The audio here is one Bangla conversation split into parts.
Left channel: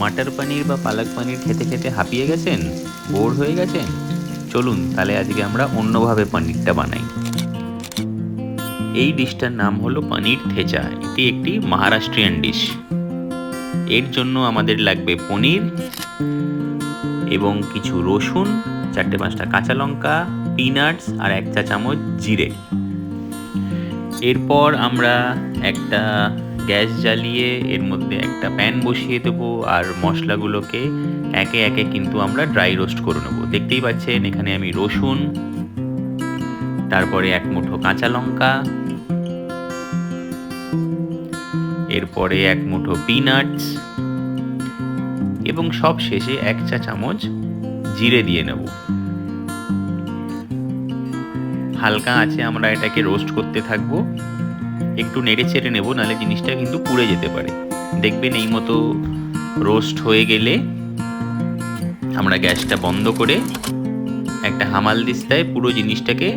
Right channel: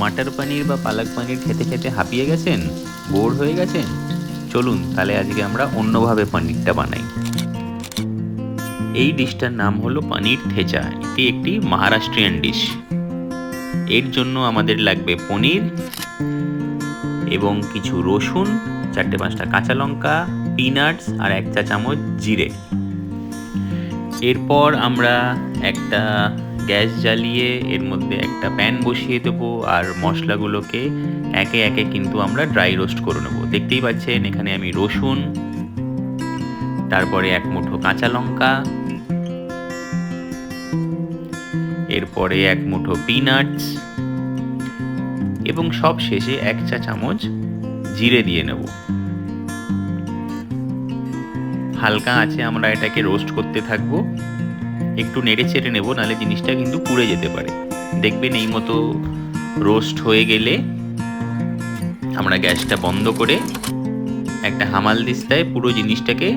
মাটার পনির বা পালক পনির খেতে খেতে হাঁপিয়ে গেছেন, বোর হয়ে গেছেন? চলুন তাহলে আজকে আমরা অন্যভাবে পনিরটা বানাই। এই ডিশটার নাম হলো পনির থেচা। এটি একটি মহারাষ্ট্রিয়ান ডিশ। এর জন্য আমাদের লাগবে পনির এবং কিছু রসুন, 4-5টা কাঁচা লঙ্কা, পিনাটস আর 1 চা চামচ জিরে। এরপর আমরা একটা গ্যাস জ্বালিয়ে এর মধ্যে একটা প্যান বসিয়ে দেবো আর মশলাগুলোকে একে একে কিন্তু আমরা ড্রাই রোস্ট করে নেবো। দেখতেই পাচ্ছেন এখানে আমি রসুন, তারপরে 1 মুঠো কাঁচা লঙ্কা, এরপরে 1 মুঠো পিনাটস এবং সব শেষে 1 চা চামচ জিরে দিয়ে নেব। হালকা আঁচে আমরা এটাকে রোস্ট করতে থাকবো। একটু নেড়ে চেড়ে নেব, নাহলে জিনিসটা কিন্তু পুড়ে যেতে পারে। দেখবেন এই মতো রোস্ট হয়ে গেলে আমরা গ্যাসটা বন্ধ করে একটা হামালদিস্তায় পুরো জিনিসটাকে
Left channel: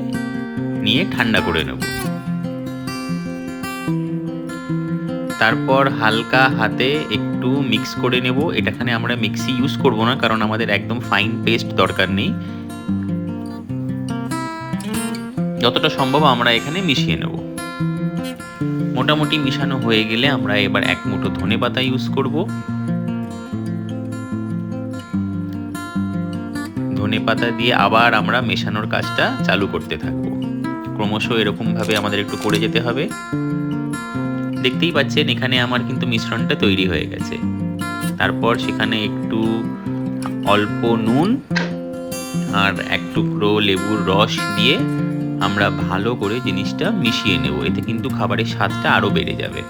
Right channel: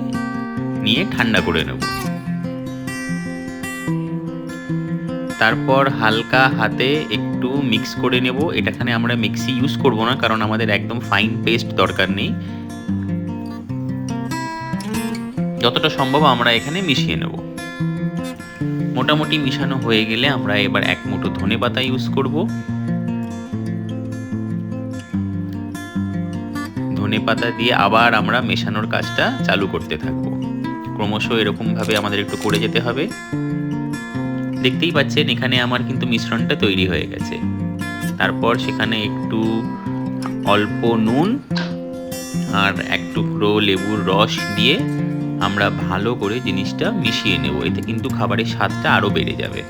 নিয়ে ঠান্ডা করে নেব। তারপর হালকা হাতে একটু মিক্স করে নেব। এটাখানে আমরা মিক্সি ইউজ করব না, কারণ আমাদের একদম ফাইন পেস্ট দরকার নেই। যতটা সম্ভব আমরা এখানে মিশিয়ে নেব। মোটামুটি মিশানো হয়ে গেলে আমরা এবার 1 মুঠো ধনেপাতা ইউজ করব। ধনেপাতা দিয়ে আবার আমরা মেশানোর কাজটা চালু করতে থাকব। ক্রমশ এরকমভাবে আমাদের একটু করে যেতে হবে। দেখতেই পাচ্ছেন এখানে আমার কিন্তু মিশ্রণটা তৈরি হয়ে গেছে। তারপর সেখানে একটু অল্প নুন আর 1 টুকরো লেবুর রস দিয়ে আমরা ভালো করে জিনিসটা মিশিয়ে নেব। এতে কিন্তু খাবারের স্বাদটা আরও বেড়ে যাবে।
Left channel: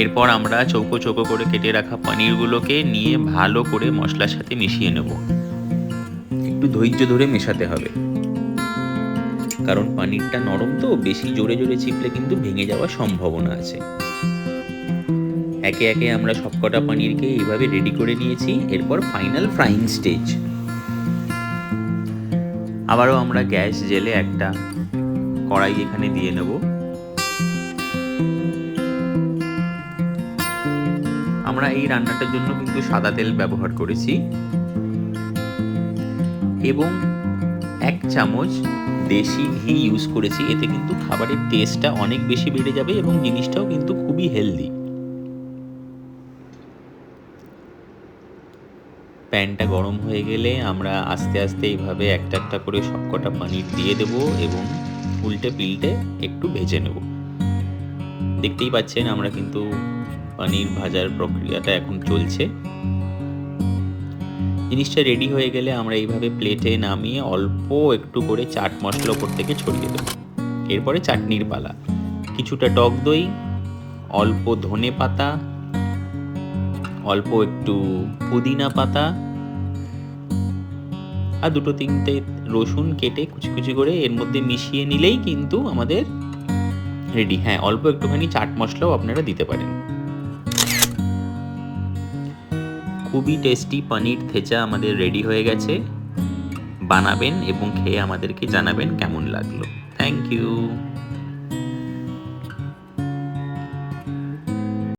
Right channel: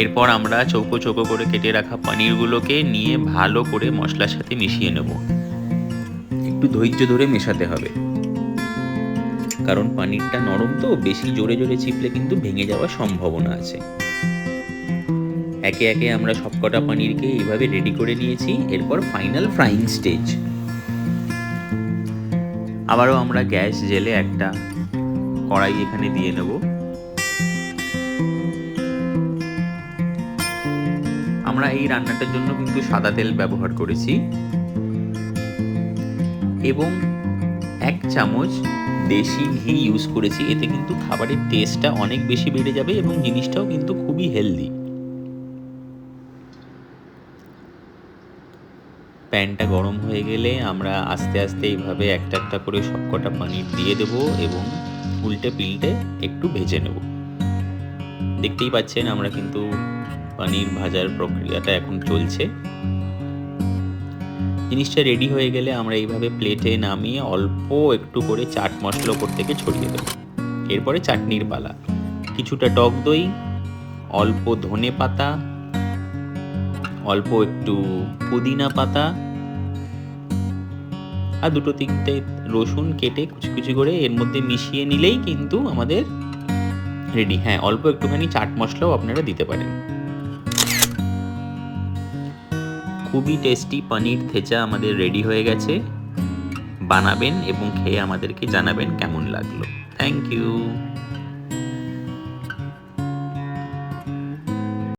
এরপর আমরা চৌকো চৌকো করে কেটে রাখা পনিরগুলোকে নিয়ে ভালো করে মশলার সাথে মিশিয়ে নেব। একটু ধৈর্য ধরে মেশাতে হবে, কারণ পনিরটা নরম তো, বেশি জোরে জোরে চিপলে কিন্তু ভেঙে যাওয়ার সম্ভাবনা আছে। একে একে আমরা সবকটা পনিরকে এইভাবে রেডি করে নিয়েছি। এরপর ফাইনাল ফ্রাইং স্টেজ। আবারও আমরা গ্যাস জেলে একটা কড়াই এখানে দিয়ে নেব। আমরা এই রান্নাটার জন্য কিন্তু সাদা তেল ব্যবহার করেছি এবং 1 চামচ দেশি ঘি ইউজ করেছি। এতে কিন্তু খাবারের টেস্টটা অনেক বেশি বেড়ে যাবে এবং জিনিসটাও কিন্তু খুবই হেলদি। প্যানটা গরম হয়ে গেলে আমরা আস্তে আস্তে এইভাবে একটা একটা করে সবকটা পনির দিয়ে দেব এবং উল্টে পিল্টে একটু ভেজে নেব। দেখতেই পাচ্ছেন আমরা কিন্তু পনির ভাজার প্রক্রিয়াটা এখন চলছে। জিনিসটা রেডি হয়ে গেলে আমরা এইভাবে প্লেটে নামিয়ে অল্প একটু করে চাট মশলা ওপর থেকে ছড়িয়ে দেব। এরপরে চাটনির পালা। কিছুটা টক দই, অল্প ধনে পাতা, অল্প একটু পুদিনা পাতা আর 2-3টে রসুন কেটে কুচি কুচি করে এর মধ্যে মিশিয়ে নিলেই কিন্তু আমাদের রেডি। হ্যাঁ, অল্প একটুখানি চাট মশলাও আপনারা দিতে পারেন। খুবই টেস্টি পনির থেচা আমাদের রেডি হয়ে গেছে। বানাবেন এবং খেয়ে আমাদেরকে জানাবেন কেমন লাগলো। Thank you.